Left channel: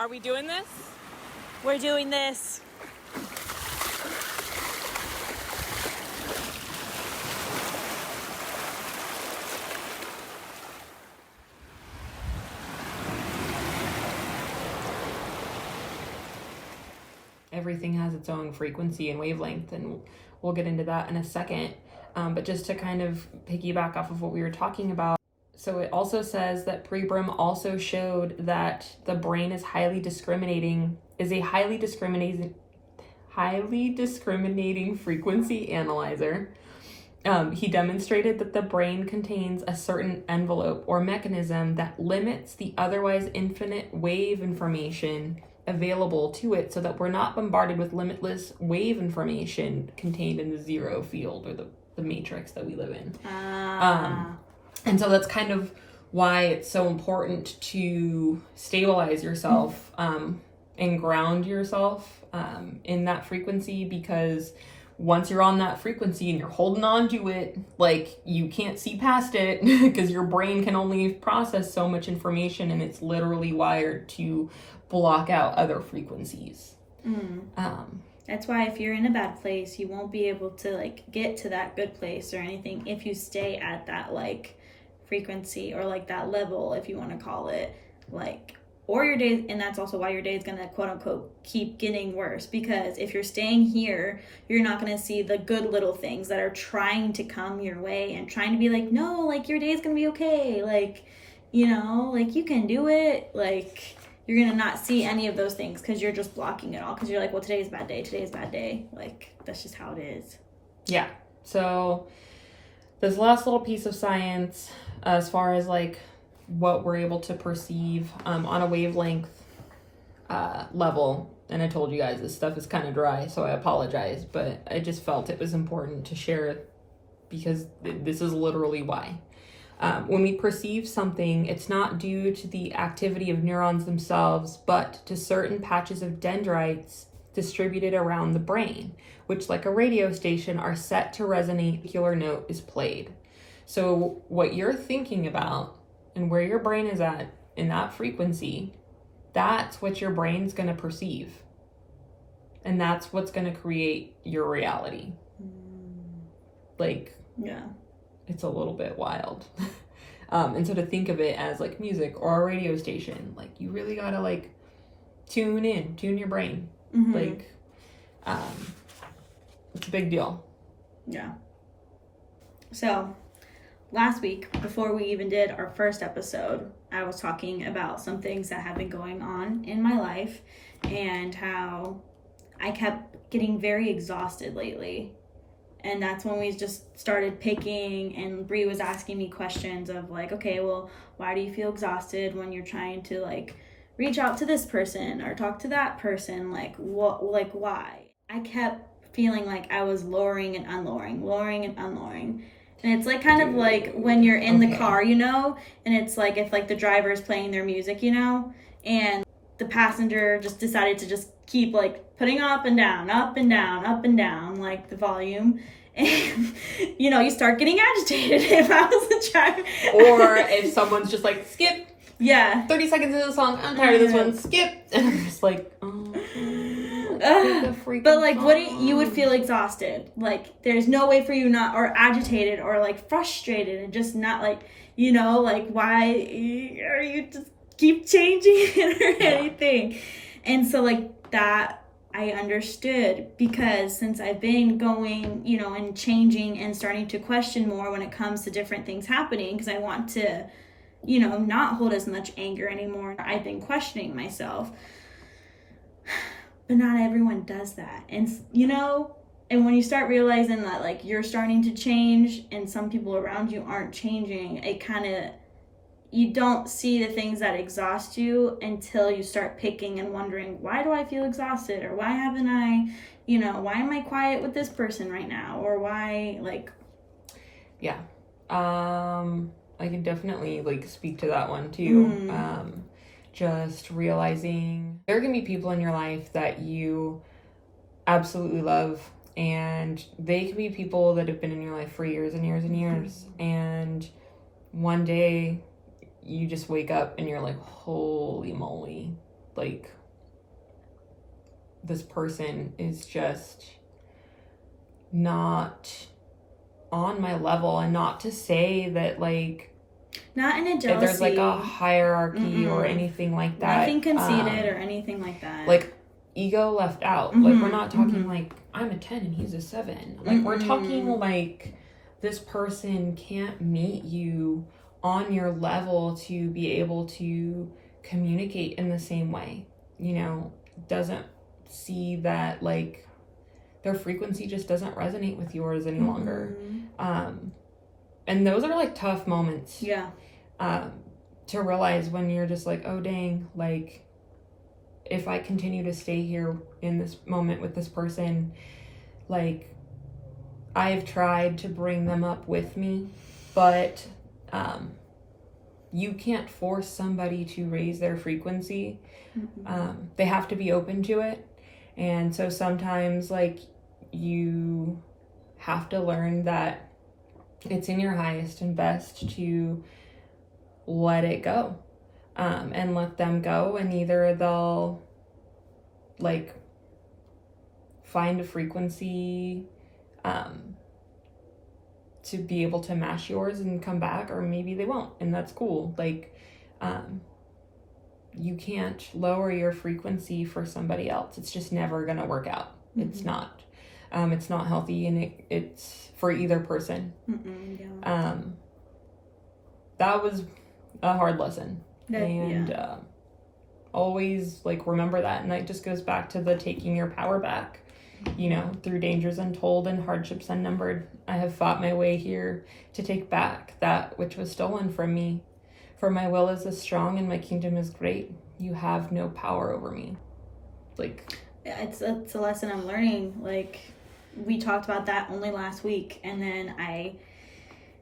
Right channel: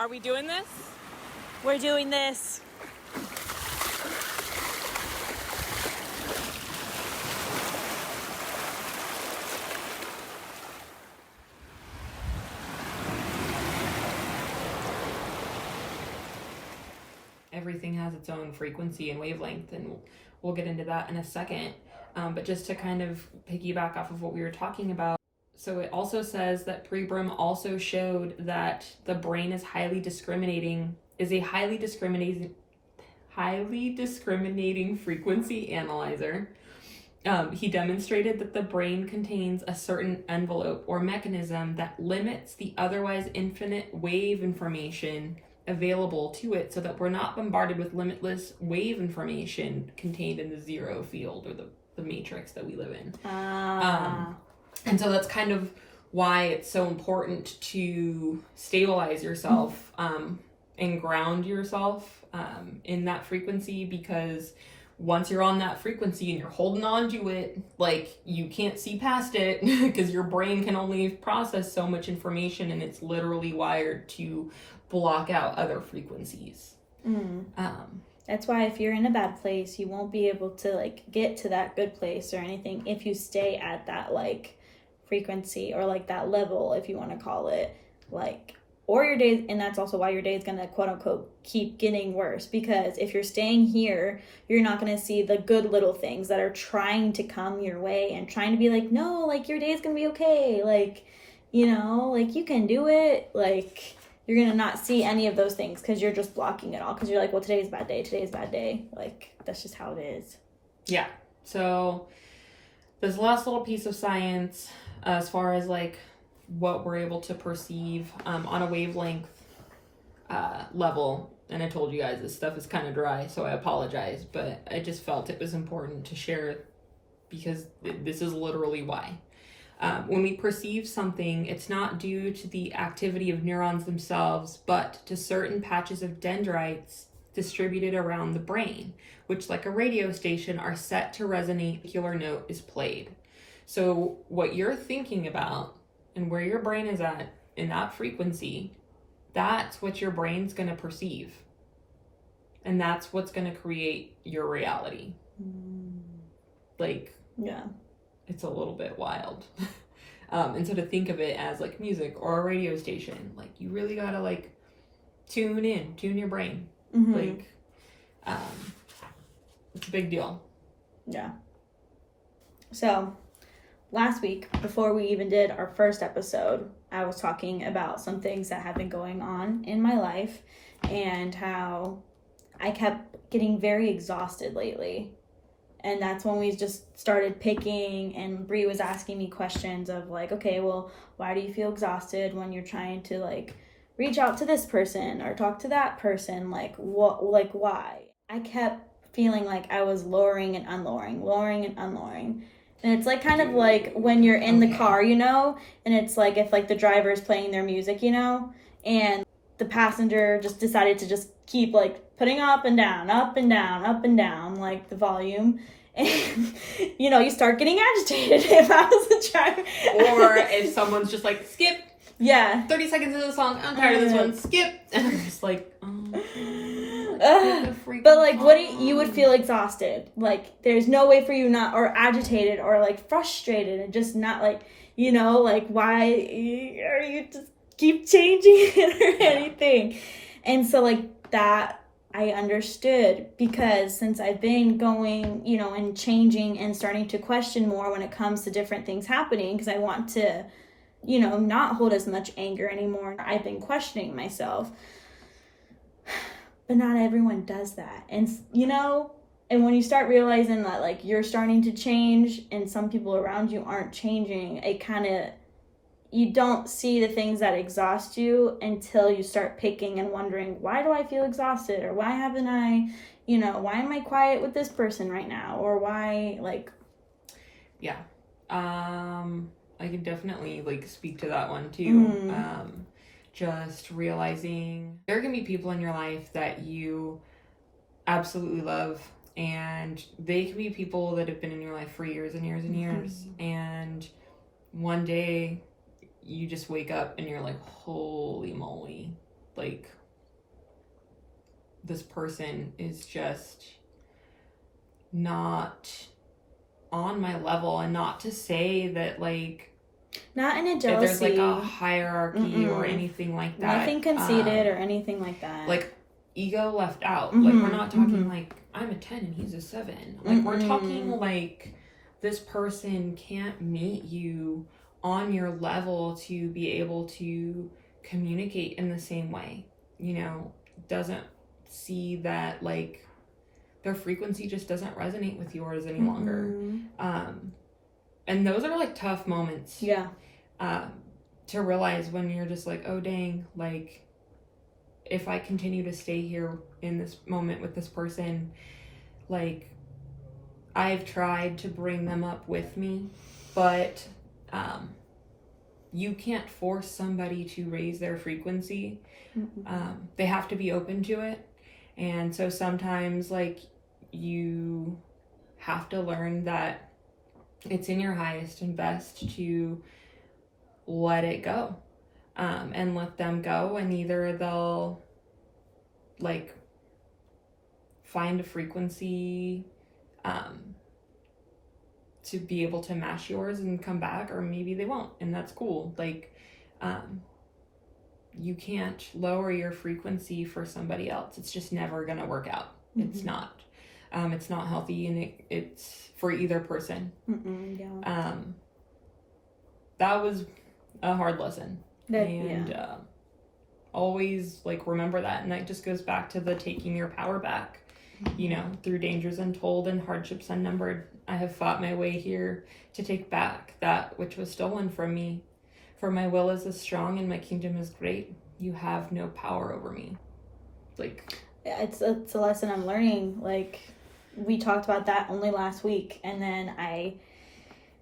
Are we doing this? We're doing this. Everything has its own frequency and wavelength, and we'll get into that in a second. But just to kind of piggyback off of what we were talking about, so it also says that Brie also showed that the brain is a highly discriminating frequency analyzer. He demonstrated that the brain contains a certain envelope or mechanism that limits the otherwise infinite wave information available to it, so that we're not bombarded with limitless wave information contained in the zero field or the matrix that we live in. And so that's kind of why it's so important to stabilize yourself and ground yourself in that frequency, because once you're on that frequency and you're holding on to it, like, you can't see past it because your brain can only process so much information, and it's literally wired to block out other frequencies. That's why if you're in a bad place, you won't be able to like get to that good place or anything if you stay at that like frequency or like that level, if you want to call it, like, or your days. And that's also why your day is gonna quote unquote keep getting worse, because if you're staying here, you're not gonna see the good little things that are trying to come your way and trying to be like, no, like, your day's gonna be okay, like, you know, like, you can do it. Like, you're gonna not see any of those things because you're just blocking it all, because you're like, well, today's a bad day. Like, that's just how it is. Yeah. So this last little piece of science, as far as like what we're able to perceive on a wavelength level, and I told you guys this stuff is kind of dry, so I apologize, but I just felt it was important to share it because this is literally why. When we perceive something, it's not due to the activity of neurons themselves, but to certain patches of dendrites distributed around the brain, which, like a radio station, are set to resonate when a particular note is played. So what you're thinking about and where your brain is at in that frequency, that's what your brain's going to perceive. And that's what's going to create your reality. Like, yeah. It's a little bit wild. And so to think of it as like music or a radio station, like, you really gotta like tune your brain. Like, it's a big deal. Yeah. So last week, before we even did our first episode, I was talking about some things that have been going on in my life and how I kept getting very exhausted lately. And that's when we just started picking, and Brie was asking me questions of like, okay, well, why do you feel exhausted when you're trying to like reach out to this person or talk to that person? Like, what, like, why? I kept feeling like I was lowering and unlowering. And it's like kind of like when you're in the car, you know, and it's like if like the driver is playing their music, you know, and the passenger just decided to just keep like putting up and down, like the volume. And, you know, you start getting agitated if I was the driver. Or if someone's just like, skip. Yeah. 30 seconds into the song, I'm tired of this one, skip. And I'm just like, but like, you would feel exhausted. Like, there's no way for you not, or agitated, or like frustrated, and just not like, you know, like, why are you just keep changing it or anything? And so like that, I understood, because since I've been going, you know, and changing and starting to question more when it comes to different things happening, because I want to, you know, not hold as much anger anymore. I've been questioning myself. But not everyone does that. And, you know, and when you start realizing that, like, you're starting to change and some people around you aren't changing, it kind of, you don't see the things that exhaust you until you start picking and wondering, why do I feel exhausted? Or why haven't I, you know, why am I quiet with this person right now? Or why, like... Yeah. I can definitely, like, speak to that one, too. Just realizing there can be people in your life that you absolutely love, and they can be people that have been in your life for years and years and years. And one day you just wake up and you're like, holy moly, like, this person is just not on my level. And not to say that, like, not in a jealousy, there's like a hierarchy or anything like that. Nothing conceited or anything like that. Like, ego left out. Like, we're not talking like I'm a 10 and he's a 7. Like, we're talking like this person can't meet you on your level to be able to communicate in the same way. You know, doesn't see that, like, their frequency just doesn't resonate with yours any longer. And those are like tough moments. Yeah. To realize when you're just like, oh dang, like, if I continue to stay here in this moment with this person, like, I've tried to bring them up with me, but you can't force somebody to raise their frequency. They have to be open to it. And so sometimes, like, you have to learn that it's in your highest and best to let it go, and let them go, and either they'll, like, find a frequency to be able to match yours and come back, or maybe they won't, and that's cool. Like, you can't lower your frequency for somebody else. It's just never gonna work out. It's not healthy, and it's for either person. That was a hard lesson. Always, like, remember that. And that just goes back to the taking your power back. You know, through dangers untold and hardships unnumbered, I have fought my way here to take back that which was stolen from me. For my will is as strong and my kingdom is great. You have no power over me. Like, it's a lesson I'm learning. Like, we talked about that only last week, and then I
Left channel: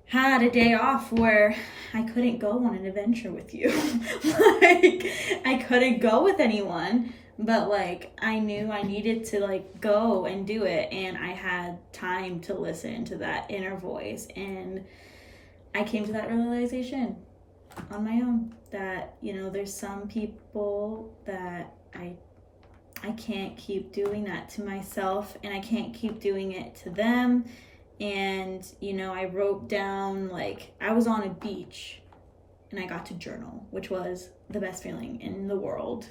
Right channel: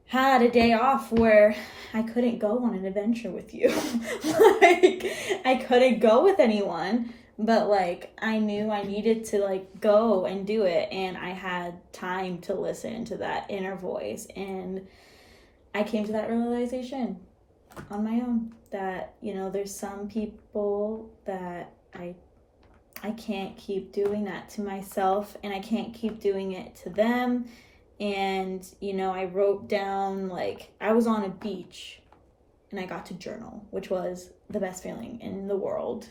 had a day off where I couldn't go on an adventure with you. Like, I couldn't go with anyone, but, like, I knew I needed to, like, go and do it, and I had time to listen to that inner voice, and I came to that realization on my own that, you know, there's some people that I can't keep doing that to myself, and I can't keep doing it to them. And, you know, I wrote down, like, I was on a beach and I got to journal, which was the best feeling in the world.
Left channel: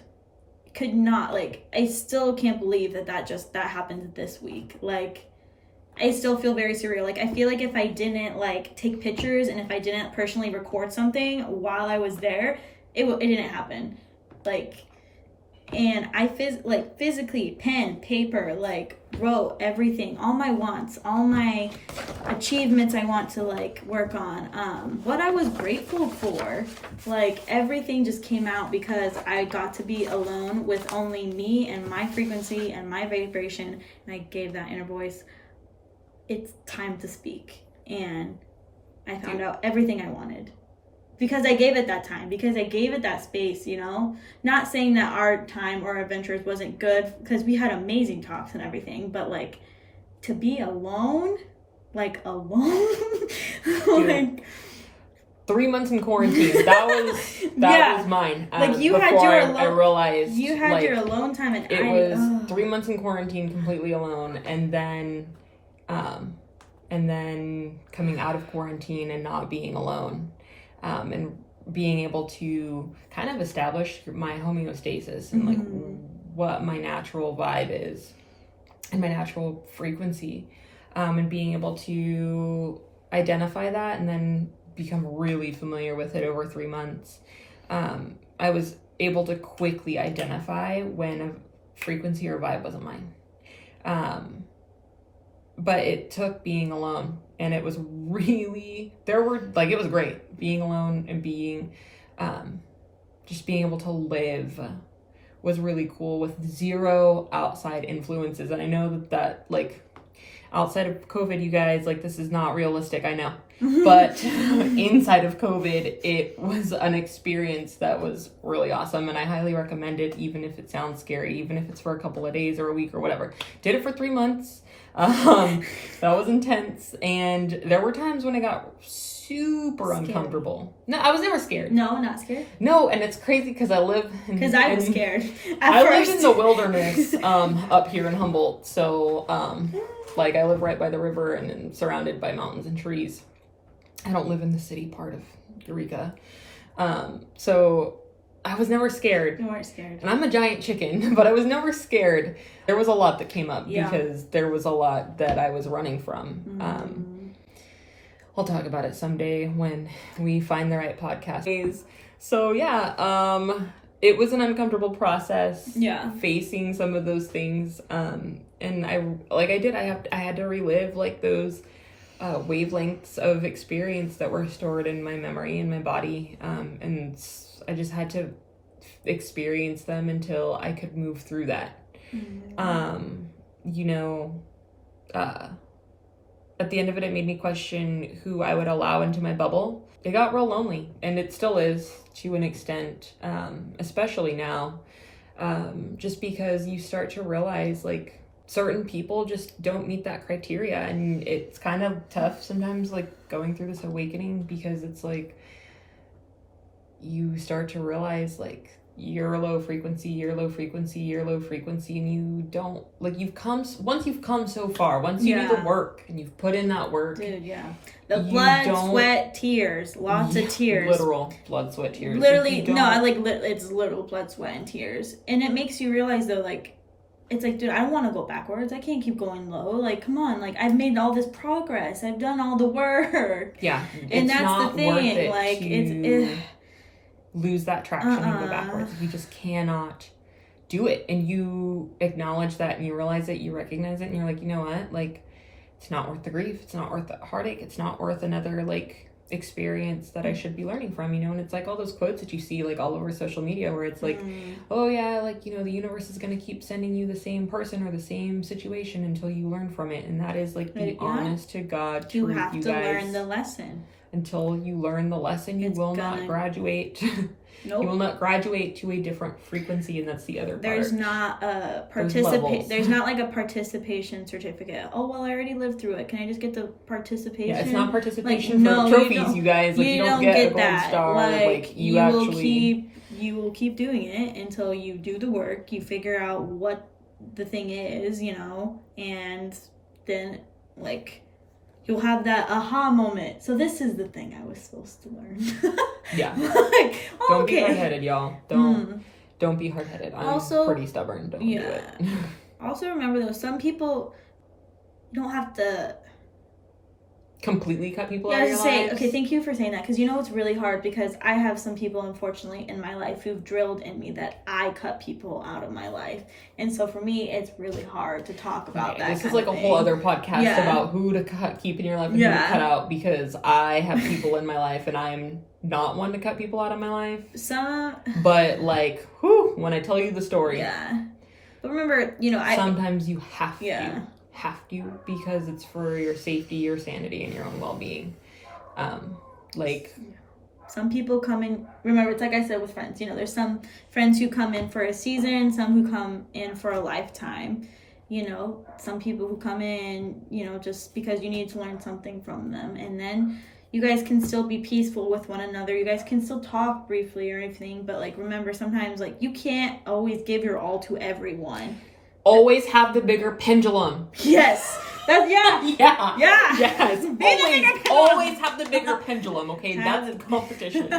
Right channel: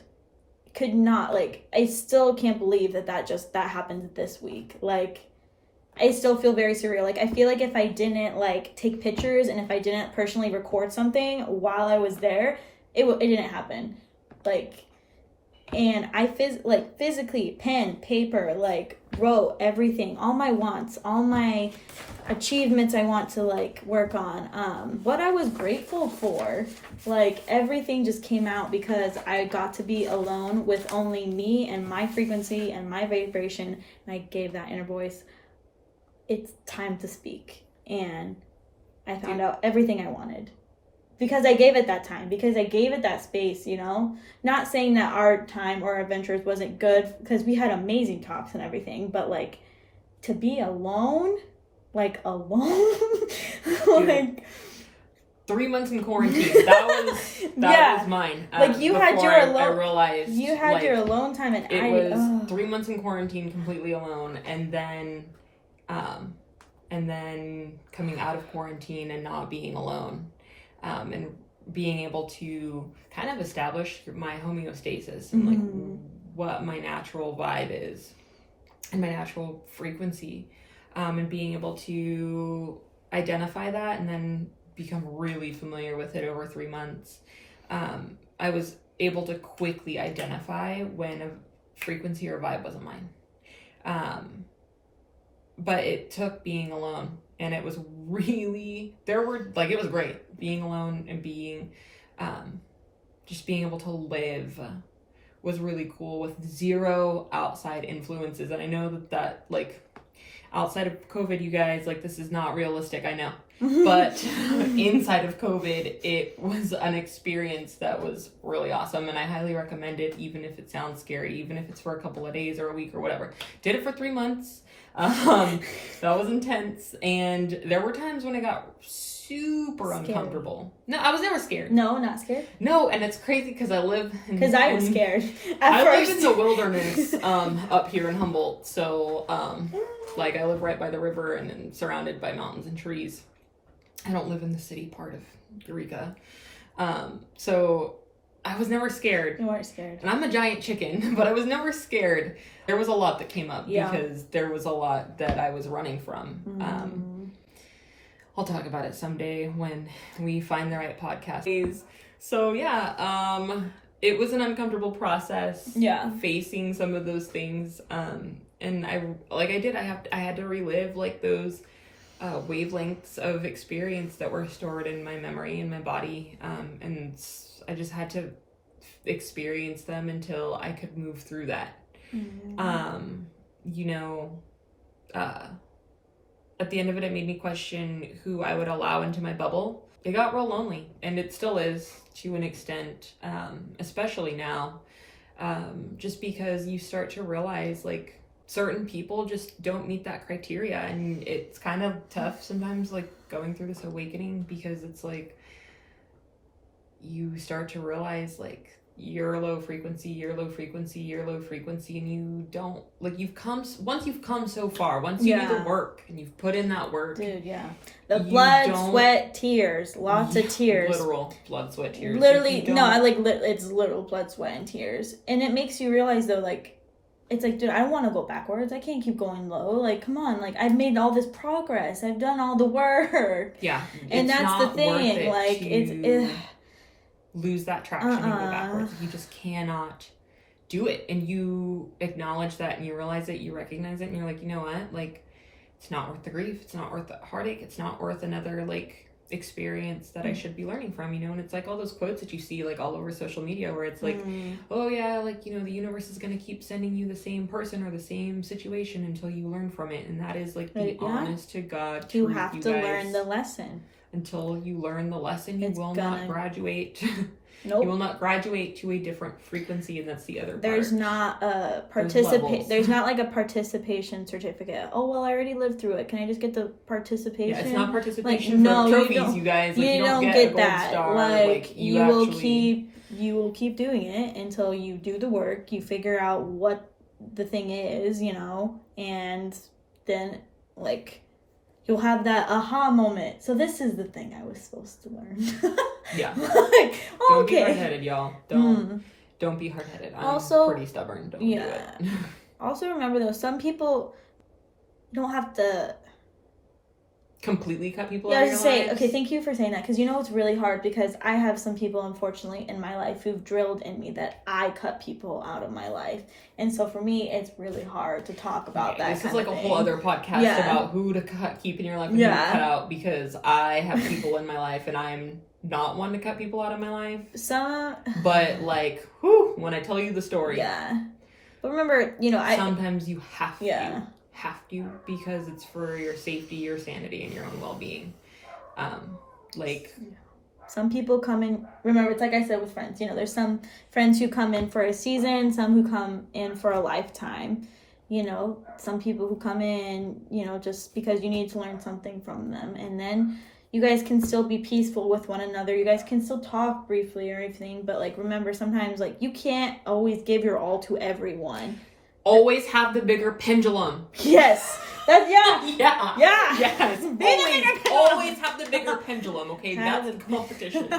Could not, like, I still can't believe that happened this week. Like, I still feel very surreal. Like, I feel like if I didn't, like, take pictures and if I didn't personally record something while I was there, it didn't happen. Like, and I physically, pen, paper, like, wrote everything, all my wants, all my achievements I want to, like, work on, what I was grateful for. Like, everything just came out because I got to be alone with only me and my frequency and my vibration, and I gave that inner voice, it's time to speak. And I found out everything I wanted. Because I gave it that time, because I gave it that space, you know? Not saying that our time or our adventures wasn't good, because we had amazing talks and everything, but, like, to be alone, like, like, 3 months in quarantine, that was mine. Like, you had your alone, I realized, you had, like, your alone time, and it was 3 months in quarantine completely alone, and then coming out of quarantine and not being alone. And being able to kind of establish my homeostasis and, like, what my natural vibe is and my natural frequency, and being able to identify that and then become really familiar with it over 3 months. I was able to quickly identify when a frequency or vibe wasn't mine. But it took being alone, and it was really, it was great being alone and being, just being able to live was really cool with zero outside influences. And I know that like, outside of COVID, you guys, like, this is not realistic, I know. But inside of COVID, it was an experience that was really awesome, and I highly recommend it, even if it sounds scary, even if it's for a couple of days or a week or whatever. Did it for 3 months. That was intense, and there were times when I got super Scared. uncomfortable. No, I was never scared. No, not scared? No, and it's crazy because I live Because I was scared at I first. live in the wilderness up here in Humboldt, so like I live right by the river and I'm surrounded by mountains and trees. I don't live in the city part of Eureka. So I was never scared. You weren't scared. And I'm a giant chicken, but I was never scared. There was a lot that came up Yeah. because there was a lot that I was running from. I'll talk about it someday when we find the right podcast. So yeah, it was an uncomfortable process. Yeah. Facing some of those things. And I had to relive like those wavelengths of experience that were stored in my memory and my body. And I just had to experience them until I could move through that. At the end of it made me question who I would allow into my bubble. It got real lonely, and it still is to an extent, especially now, just because you start to realize like certain people just don't meet that criteria, and it's kind of tough sometimes, like going through this awakening, because it's like you start to realize like you're low frequency, and you don't like once you've come so far, once you do the work and you've put in that work, dude. Yeah, the blood, sweat, tears, lots of tears, literal blood, sweat, tears. Literally, no, it's literal blood, sweat, and tears, and it makes you realize though, like. It's like, dude, I want to go backwards. I can't keep going low. Like, come on. Like, I've made all this progress. I've done all the work. Yeah. And that's the thing. Like, it's lose that traction and go backwards. You just cannot do it. And you acknowledge that and you realize it, you recognize it, and you're like, you know what? Like, it's not worth the grief. It's not worth the heartache. It's not worth another, like, experience that I should be learning from, you know. And it's like all those quotes that you see like all over social media where it's like, oh yeah, like, you know, the universe is going to keep sending you the same person or the same situation until you learn from it. And that is like the honest to God you truth, have to learn the lesson. Until you learn the lesson, you will not graduate. Nope. You will not graduate to a different frequency, and that's the other part. There's not a There's not like a participation certificate. Oh well, I already lived through it. Can I just get the participation? Yeah, it's not participation. Like, no, trophies, you guys. Like, you don't get that. Star. Like you will keep doing it until you do the work. You figure out what the thing is, you know, and then like. You'll have that aha moment. So this is the thing I was supposed to learn. Yeah. Like, don't be hard-headed, y'all. Don't be hard-headed. I'm also pretty stubborn. Don't do it. Also remember though, some people don't have to completely cut people out of your lives. Okay, thank you for saying that, because you know it's really hard, because I have some people unfortunately in my life who've drilled in me that I cut people out of my life, and so for me it's really hard to talk about that. This is like a whole other podcast about who to keep in your life and who to cut out, because I have people in my life and I'm not one to cut people out of my life. But like, when I tell you the story, but remember, you know, sometimes you have to, because it's for your safety, your sanity, and your own well-being. Some people come in, remember, it's like I said with friends, you know, there's some friends who come in for a season, some who come in for a lifetime, you know, some people who come in, you know, just because you need to learn something from them, and then you guys can still be peaceful with one another, you guys can still talk briefly or anything, but like, remember, sometimes, like, you can't always give your all to everyone. Always have the bigger pendulum. Yes. Yes. Always have the bigger pendulum, okay? That's the competition.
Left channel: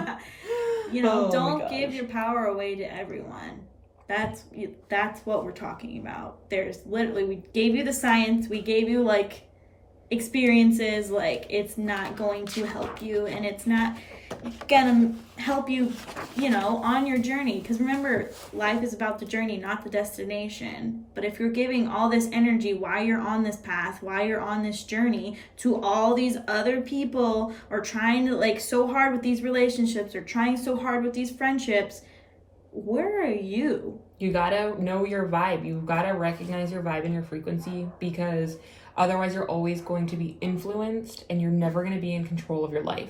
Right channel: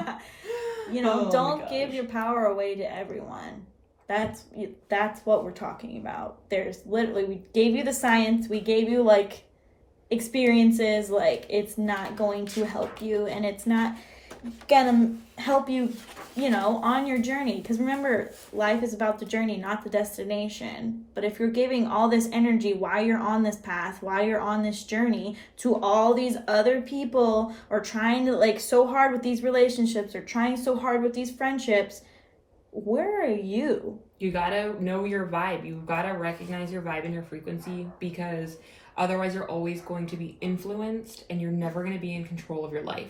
You know, don't give your power away to everyone. That's what we're talking about. There's literally, we gave you the science, we gave you like experiences, like it's not going to help you, and it's not gonna help you, you know, on your journey, because remember, life is about the journey, not the destination. But if you're giving all this energy while you're on this path, while you're on this journey, to all these other people, or trying to like so hard with these relationships, or trying so hard with these friendships, where are you? You gotta know your vibe. You gotta recognize your vibe and your frequency, because otherwise you're always going to be influenced and you're never going to be in control of your life.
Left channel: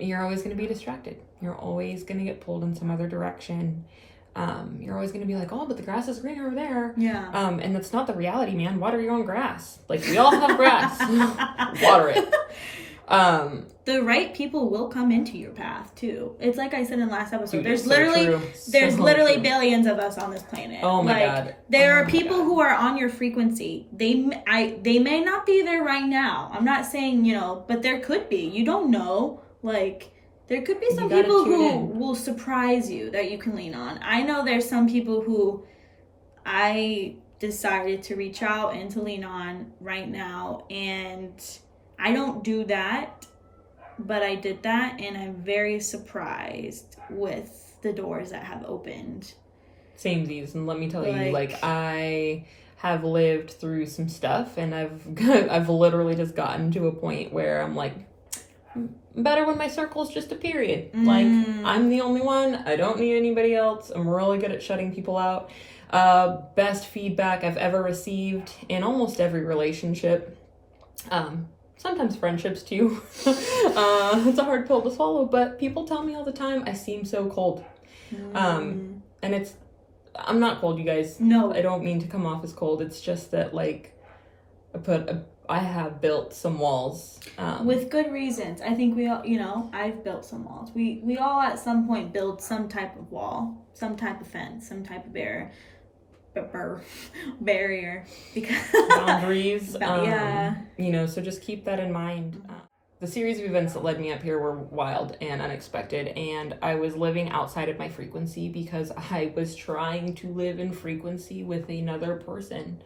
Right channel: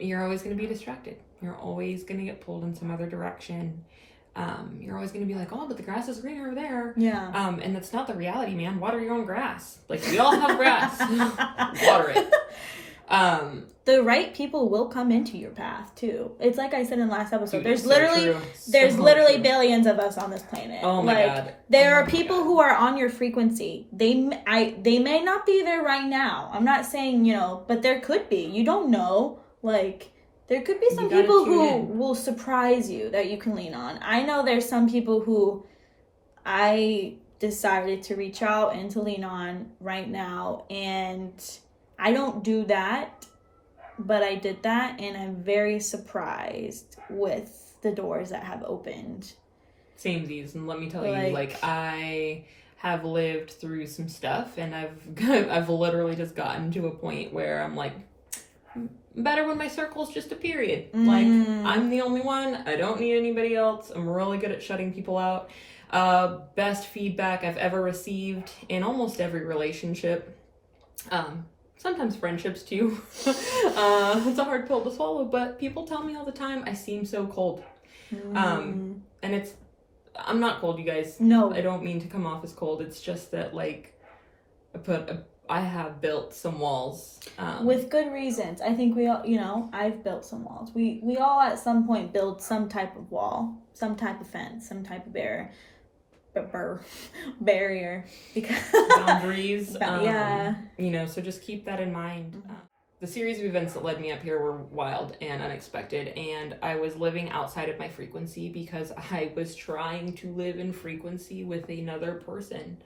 You're always going to be distracted. You're always going to get pulled in some other direction. You're always going to be like, oh, but the grass is green over there. Yeah. And that's not the reality, man. Water your own grass. Like, we all have grass. Water it. The right people will come into your path too. It's like I said in the last episode. Dude, there's so literally true. there's So literally true. billions of us on this planet. Oh my God. There Oh are my people God. who are on your frequency. They may not be there right now. I'm not saying, but there could be. You don't know. Like, there could be some You gotta people tune who in. will surprise you that you can lean on. I know there's some people who I decided to reach out and to lean on right now, and I don't do that, but I did that, and I'm very surprised with the doors that have opened. Samesies, and let me tell you, Like, I have lived through some stuff, and I've literally just gotten to a point where I'm like, better when my circle's just a period. Like, I'm the only one. I don't need anybody else. I'm really good at shutting people out. Best feedback I've ever received in almost every relationship. Sometimes friendships too. It's a hard pill to swallow, but people tell me all the time I seem so cold. And I'm not cold, you guys. No. I don't mean to come off as cold. It's just that, like, I have built some walls. With good reasons. I think we all, I've built some walls. We all at some point build some type of wall, some type of fence, some type of barrier. Because boundaries. Yeah. So just keep that in mind. The series of events that led me up here were wild and unexpected, and I was living outside of my frequency because I was trying to live in frequency with another person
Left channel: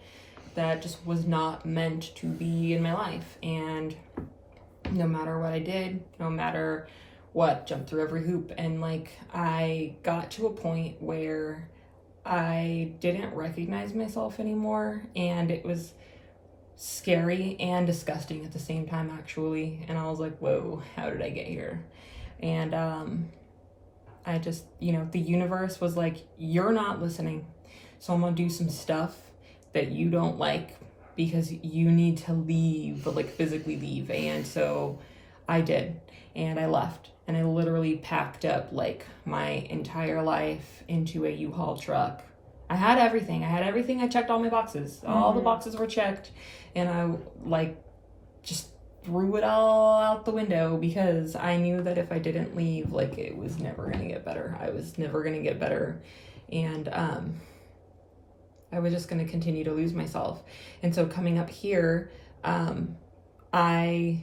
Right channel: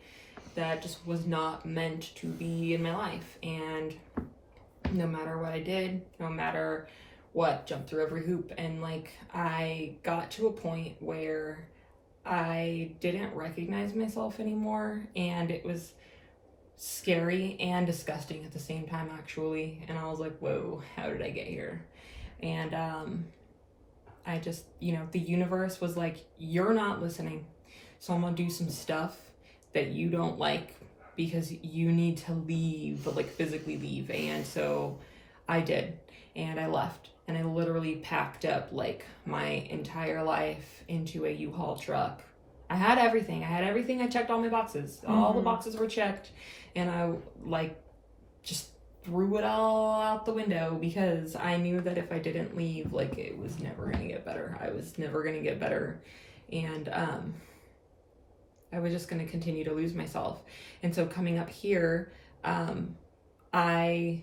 that just was not meant to be in my life. And no matter what I did, no matter what, jumped through every hoop, and I got to a point where I didn't recognize myself anymore, and it was scary and disgusting at the same time, actually. And I was like, whoa, how did I get here? And I just, the universe was like, you're not listening, so I'm gonna do some stuff that you don't like because you need to leave, physically leave. And so I did, and I left, and I literally packed up my entire life into a U-Haul truck. I had everything. I checked all my boxes. All the boxes were checked, and I just threw it all out the window because I knew that if I didn't leave, it was never gonna get better. I was never gonna get better, and I was just gonna continue to lose myself. And so coming up here, I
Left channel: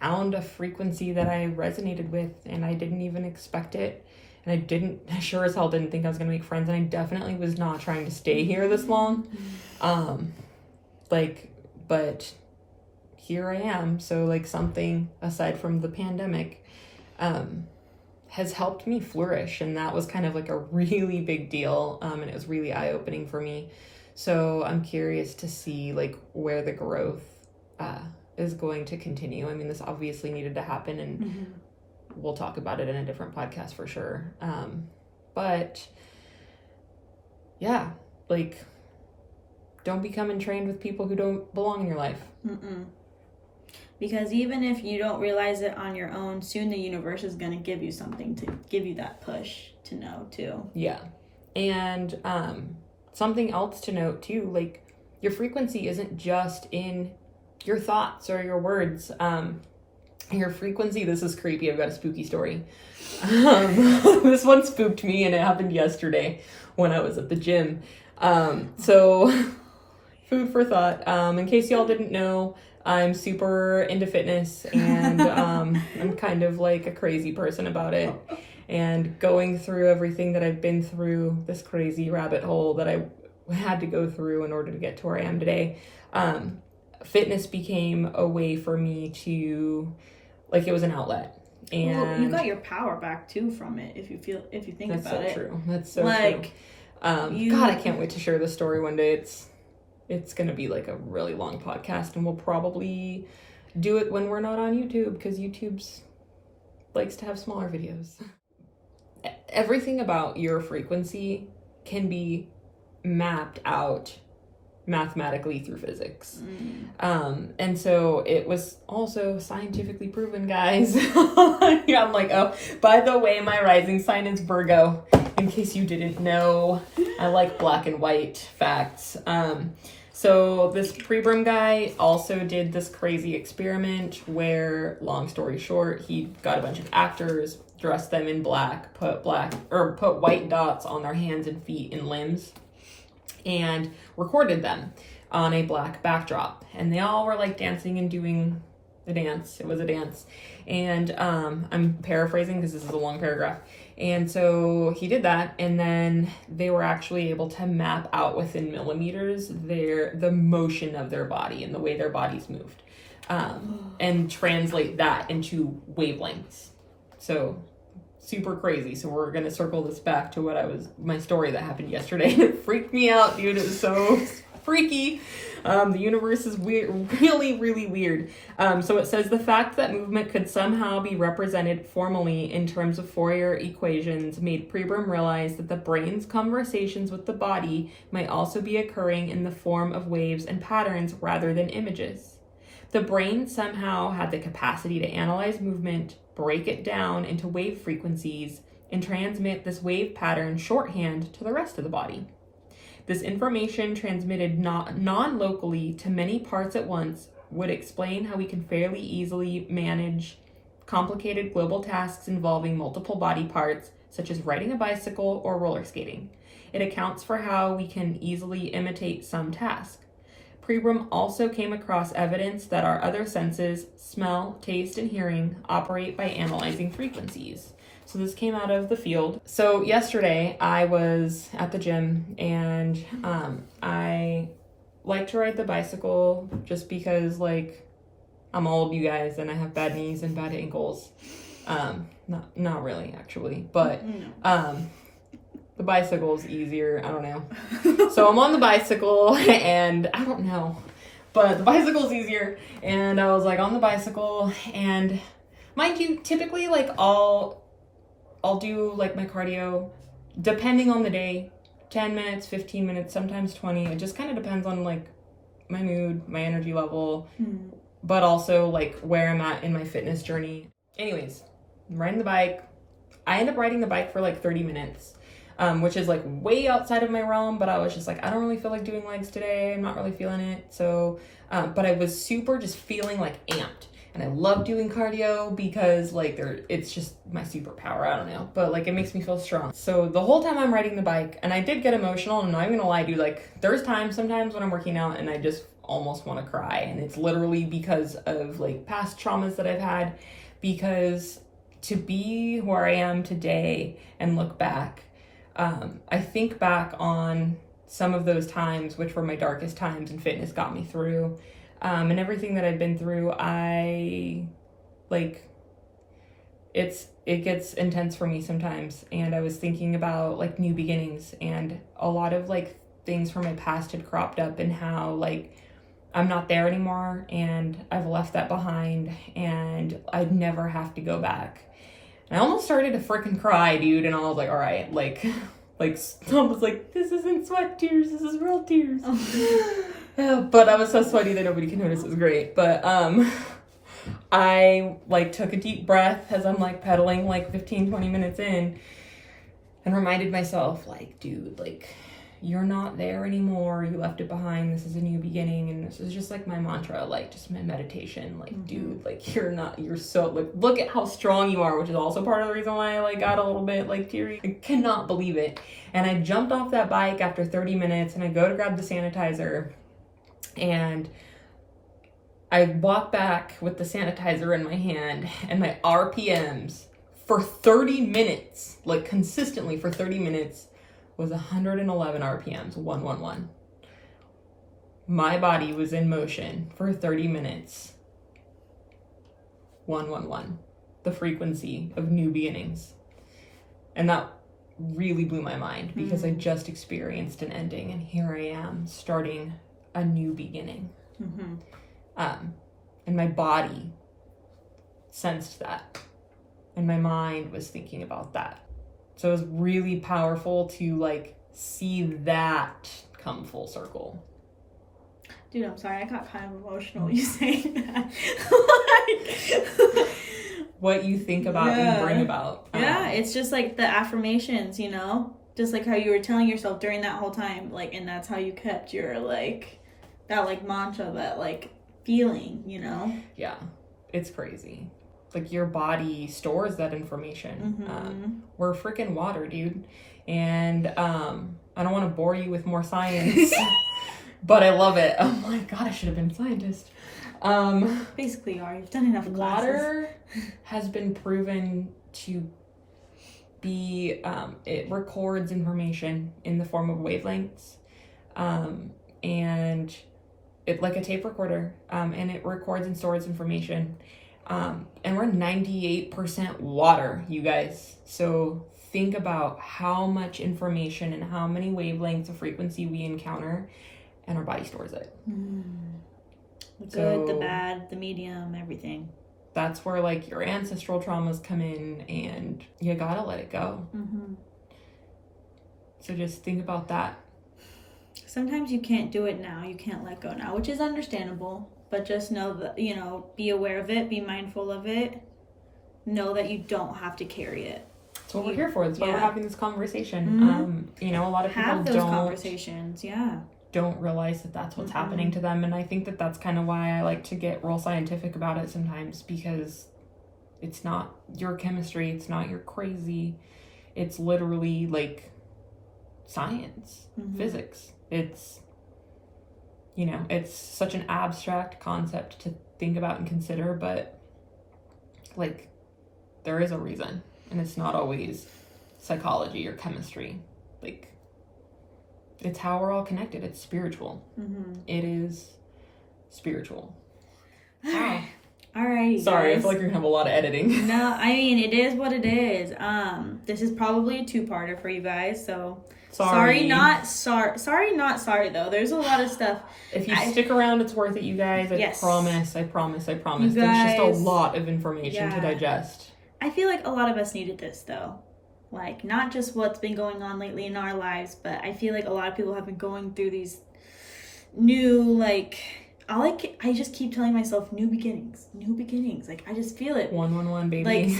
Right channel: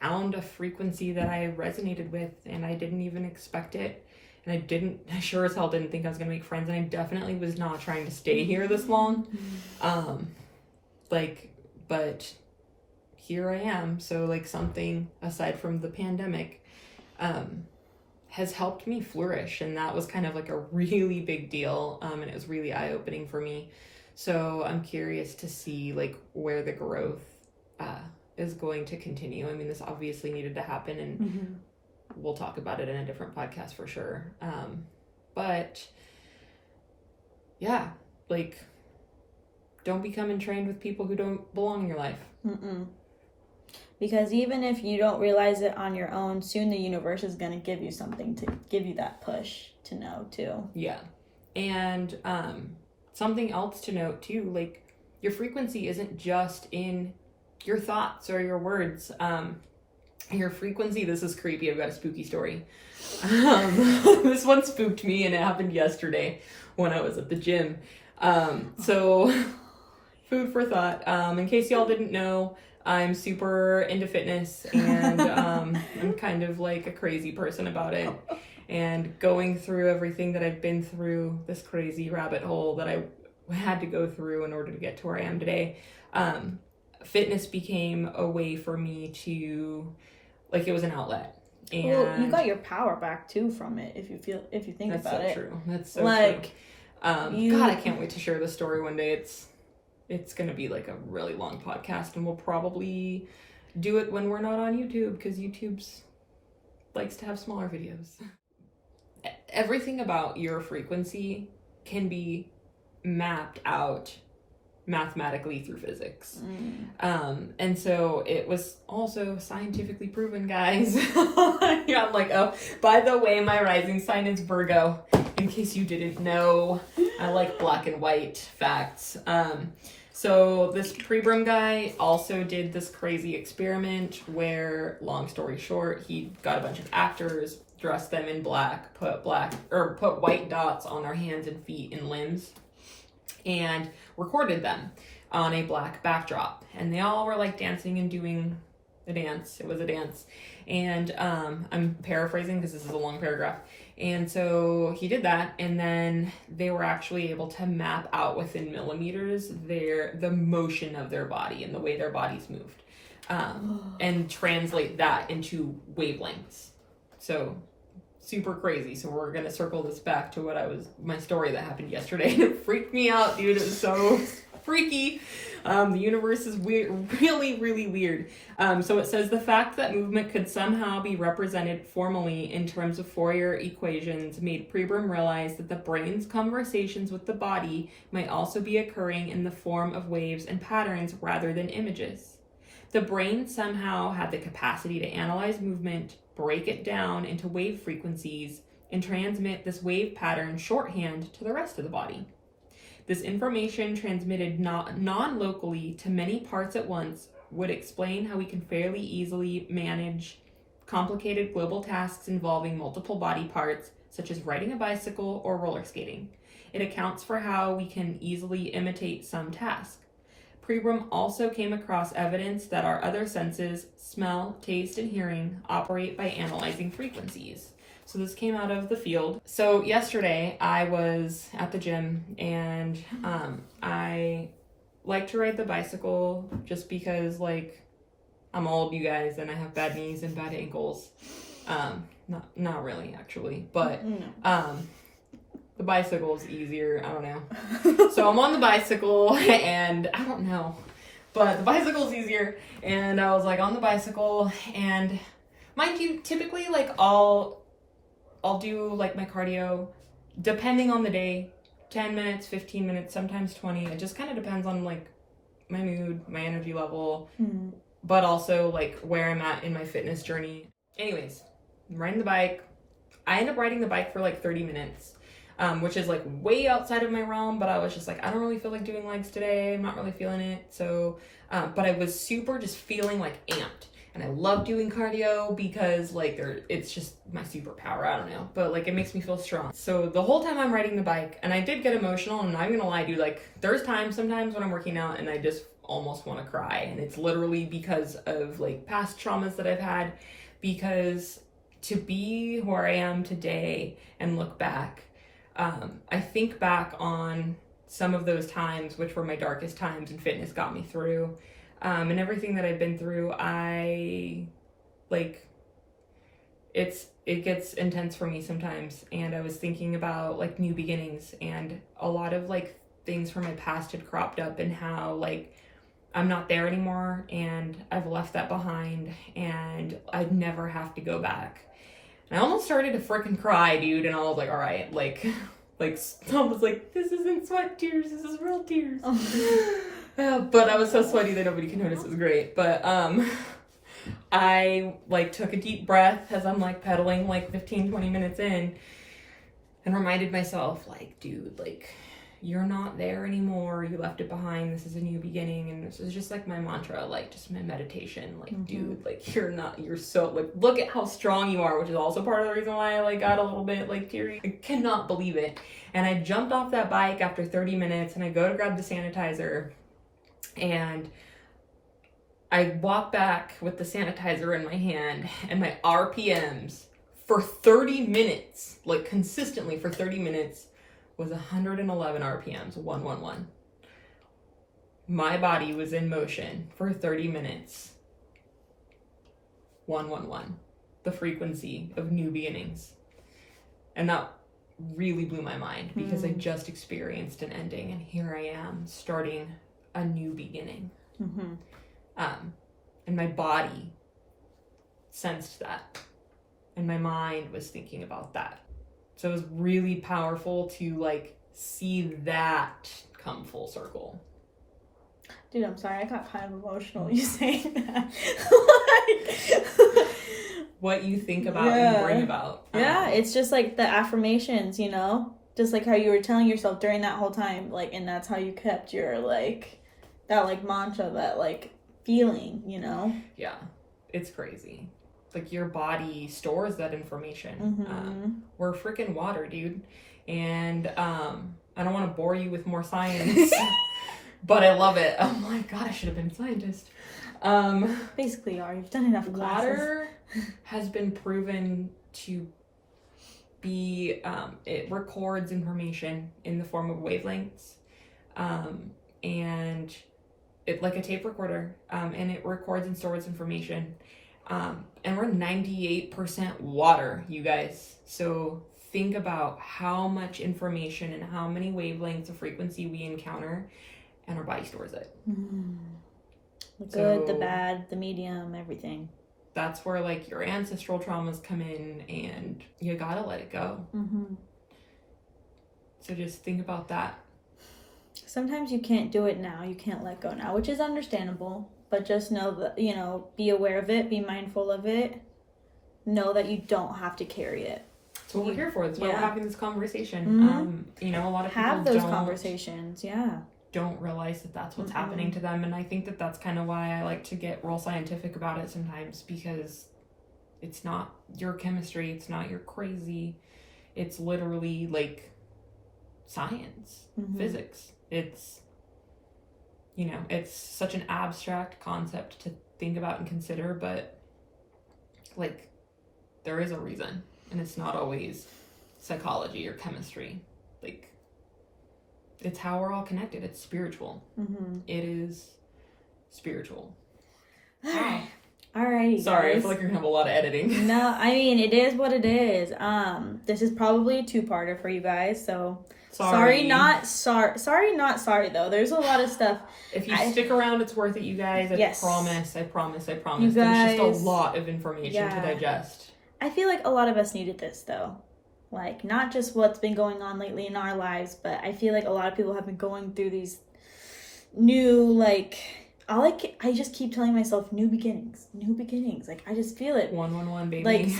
found a frequency that I resonated with, and I didn't even expect it. And I sure as hell didn't think I was gonna make friends, and I definitely was not trying to stay here this long. But here I am. So something aside from the pandemic has helped me flourish, and that was kind of a really big deal, and it was really eye-opening for me. So I'm curious to see where the growth is going to continue. I mean, this obviously needed to happen, and we'll talk about it in a different podcast for sure. But yeah, don't become entrained with people who don't belong in your life. Because even if you don't realize it on your own, soon the universe is going to give you something to give you that push to know too. Yeah. And something else to note too, your frequency isn't just in your thoughts or your words. Your frequency, this is creepy, I've got a spooky story. This one spooked me, and it happened yesterday when I was at the gym. So food for thought. In case y'all didn't know, I'm super into fitness, and I'm kind of a crazy person about it. And going through everything that I've been through, this crazy rabbit hole that I had to go through in order to get to where I am today, fitness became a way for me to, it was an outlet. And you got your power back too from it, if you think about it. That's so true. God, I can't wait to share this story one day. It's gonna be a really long podcast, and we'll probably do it when we're not on YouTube, because YouTube's likes to have smaller videos. Everything about your frequency can be mapped out mathematically through physics. And so it was also scientifically proven, guys. Yeah, I'm oh, by the way, my rising sign is Virgo, in case you didn't know. I like black and white facts. So this Prebrum guy also did this crazy experiment where, long story short, he got a bunch of actors, dressed them in black, put white dots on their hands and feet and limbs, and recorded them on a black backdrop. And they all were like dancing and doing the dance. It was a dance. And I'm paraphrasing because this is a long paragraph. And so he did that, and then they were actually able to map out within millimeters the motion of their body and the way their bodies moved, and translate that into wavelengths. So super crazy. So we're gonna circle this back to my story that happened yesterday. It freaked me out, dude. It was so freaky. The universe is weird, really, really weird. So it says the fact that movement could somehow be represented formally in terms of Fourier equations made Prebrum realize that the brain's conversations with the body might also be occurring in the form of waves and patterns rather than images. The brain somehow had the capacity to analyze movement, break it down into wave frequencies, and transmit this wave pattern shorthand to the rest of the body. This information transmitted non-locally to many parts at once would explain how we can fairly easily manage complicated global tasks involving multiple body parts, such as riding a bicycle or roller skating. It accounts for how we can easily imitate some task. Prebrum also came across evidence that our other senses, smell, taste, and hearing, operate by analyzing frequencies. So this came out of the field. So yesterday I was at the gym, and I like to ride the bicycle just because, like, I'm old, you guys, and I have bad knees and bad ankles. Not really, actually, but the bicycle is easier. I don't know. So I'm on the bicycle, and I don't know, but the bicycle's easier. And I was like on the bicycle, and mind you, typically, like, I'll do like my cardio, depending on the day, 10 minutes, 15 minutes, sometimes 20. It just kind of depends on like my mood, my energy level, but also like where I'm at in my fitness journey. Anyways, I'm riding the bike. I end up riding the bike for like 30 minutes, which is like way outside of my realm, but I was just like, I don't really feel like doing legs today. I'm not really feeling it. So, but I was super just feeling like amped. And I love doing cardio because like it's just my superpower. I don't know, but like it makes me feel strong. So the whole time I'm riding the bike, and I did get emotional. I'm not even gonna lie, dude. Like there's times sometimes when I'm working out and I just almost want to cry, and it's literally because of like past traumas that I've had. Because to be where I am today and look back, I think back on some of those times, which were my darkest times, and fitness got me through. And everything that I've been through, it gets intense for me sometimes. And I was thinking about like new beginnings, and a lot of like things from my past had cropped up, and how like I'm not there anymore, and I've left that behind, and I'd never have to go back. And I almost started to freaking cry, dude. And I was like, all right, like I was like, this isn't sweat tears, this is real tears. But I was so sweaty that nobody can notice. It was great. But I like took a deep breath as I'm like pedaling like 15-20 minutes in, and reminded myself, like, dude, like, you're not there anymore. You left it behind. This is a new beginning. And this is just like my mantra, like just my meditation. Like, dude, like you're so like, look at how strong you are, which is also part of the reason why I like got a little bit like teary. I cannot believe it. And I jumped off that bike after 30 minutes, and I go to grab the sanitizer. And I walk back with the sanitizer in my hand, and my RPMs for 30 minutes, like consistently for 30 minutes, was 111 RPMs, 111. My body was in motion for 30 minutes, 111. The frequency of new beginnings. And that really blew my mind, because I just experienced an ending, and here I am starting a new beginning. And my body sensed that, and my mind was thinking about that. So it was really powerful to like see that come full circle. Dude, I'm sorry, I got kind of emotional you saying that. Like, what you think about and bring about. Yeah, it's just like the affirmations, you know? Just like how you were telling yourself during that whole time, like, and that's how you kept your like that like mantra, that like feeling, you know? Yeah, it's crazy. Like your body stores that information. Mm-hmm. We're freaking water, dude. And I don't want to bore you with more science, but I love it. I'm like, God, I should have been a scientist. Basically, you are. You've done enough classes. Water has been proven to be, it records information in the form of wavelengths, and it like a tape recorder, and it records and stores information. And we're 98% water, you guys. So think about how much information and how many wavelengths of frequency we encounter, and our body stores it. The good, the bad, the medium, everything. That's where like your ancestral traumas come in, and you gotta let it go. So just think about that. Sometimes you can't do it now. You can't let go now, which is understandable. But just know that, you know, be aware of it, be mindful of it. Know that you don't have to carry it. That's what we're here for. That's why we're having this conversation. You know, a lot of people have those conversations. Don't realize that that's what's happening to them. And I think that that's kind of why I like to get real scientific about it sometimes, because it's not your chemistry. It's not your crazy. It's literally like science, physics. It's, you know, it's such an abstract concept to think about and consider, but like there is a reason, and it's not always psychology or chemistry. Like it's how we're all connected. It's spiritual. It is spiritual. Alrighty, sorry, guys. I feel like you're gonna have a lot of editing. No, I mean, it is what it is. This is probably a two-parter for you guys, so sorry not sorry though. There's a lot of stuff. If you stick around, it's worth it, you guys. I promise. You There's guys, just a lot of information to digest. I feel like a lot of us needed this though. Like, not just what's been going on lately in our lives, but I feel like a lot of people have been going through these new, like, I just keep telling myself new beginnings. Like, I just feel it. 111, baby. Like,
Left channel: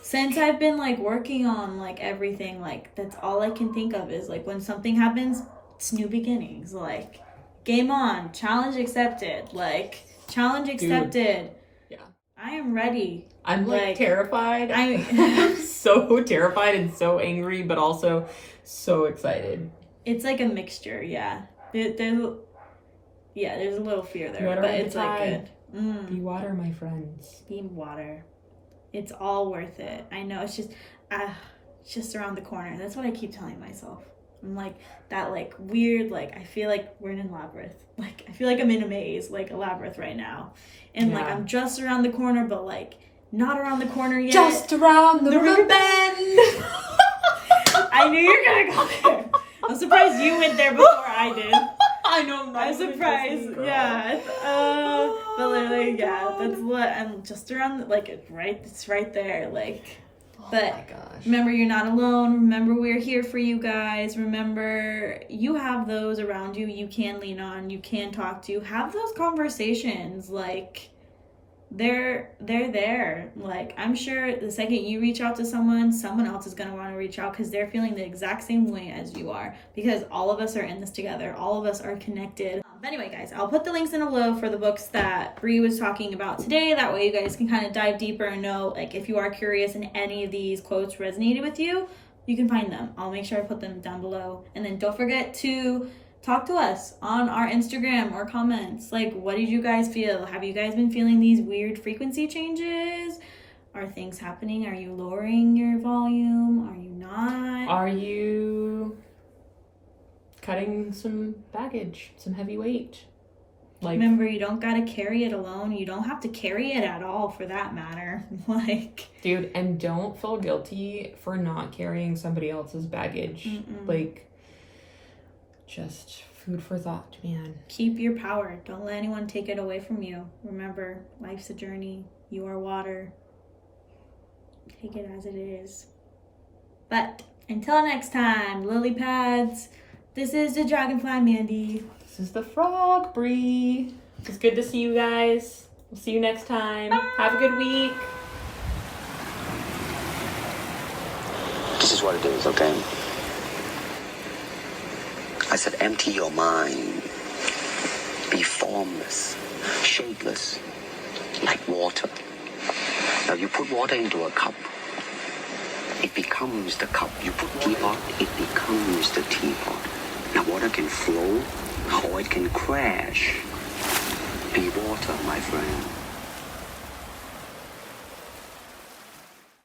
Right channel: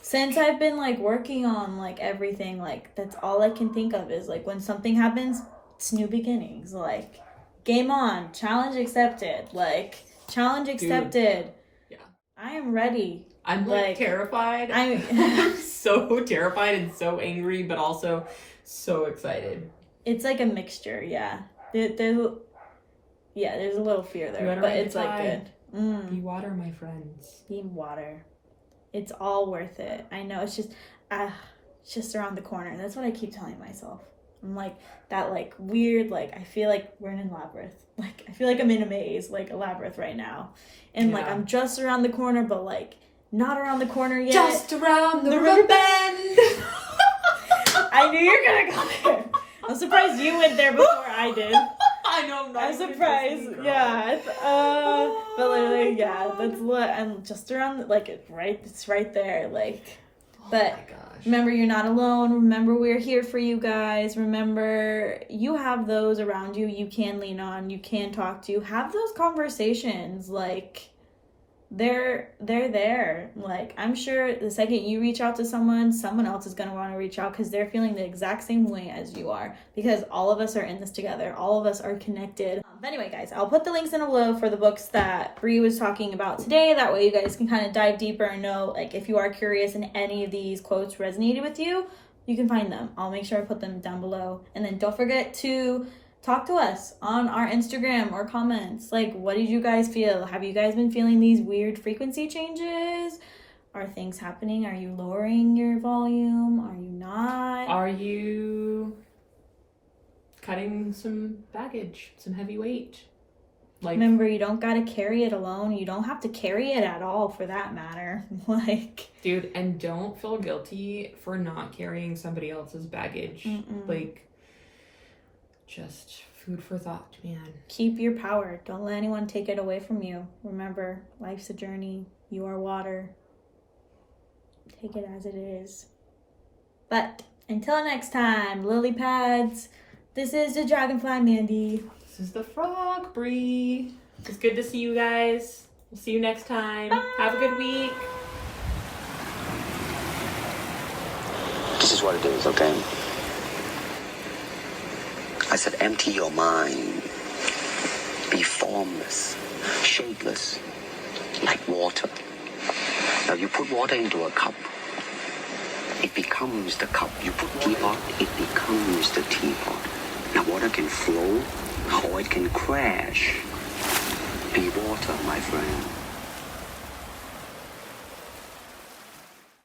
since I've been, like, working on, like, everything, like, that's all I can think of is, like, when something happens, it's new beginnings. Like, game on, challenge accepted. Like, challenge accepted. Dude. Yeah. I am ready. I'm, like terrified. I'm so terrified and so angry, but also so excited. It's, like, a mixture, yeah. There's a little fear there, but it's like good. Be water, my friends. Be water. It's all worth it. I know, it's just around the corner. That's what I keep telling myself. I'm like, that like weird, like I feel like we're in a labyrinth. Like I feel like I'm in a maze, like a labyrinth right now. And like I'm just around the corner, but like not around the corner yet. Just around the river bend. I knew you were gonna go there. I'm surprised you went there before I did. I know. I'm surprised. Yeah. But literally, yeah. That's what I'm just around. Like it's right there. Like, but remember, you're not alone. Remember, we're here for you guys. Remember, you have those around you. You can lean on. You can talk to. Have those conversations. Like, they're there. Like, I'm sure the second you reach out to someone else is going to want to reach out because they're feeling the exact same way as you are, because all of us are in this together. All of us are connected. But anyway, guys, I'll put the links in below for the books that Brie was talking about today. That way you guys can kind of dive deeper and know, like, if you are curious and any of these quotes resonated with you, you can find them. I'll make sure I put them down below. And then don't forget to talk to us on our Instagram or comments. Like, what did you guys feel? Have you guys been feeling these weird frequency changes? Are things happening? Are you lowering your volume? Are you not? Are you cutting some baggage, some heavy weight? Like, remember, you don't gotta carry it alone. You don't have to carry it at all, for that matter. Like, dude, and don't feel guilty for not carrying somebody else's baggage. Like, just food for thought, man. Keep your power. Don't let anyone take it away from you. Remember, life's a journey. You are water. Take it as it is. But until next time, lily pads, this is the Dragonfly, Mandi. This is the Frog, Brie. It's good to see you guys. We'll see you next time. Bye. Have a good week. This is what it is, okay? I said empty your mind. be formless, shapeless, like water. Now you put water into a cup, it becomes the cup. You put teapot, it becomes the teapot. Now water can flow, or it can crash. Be water, my friend.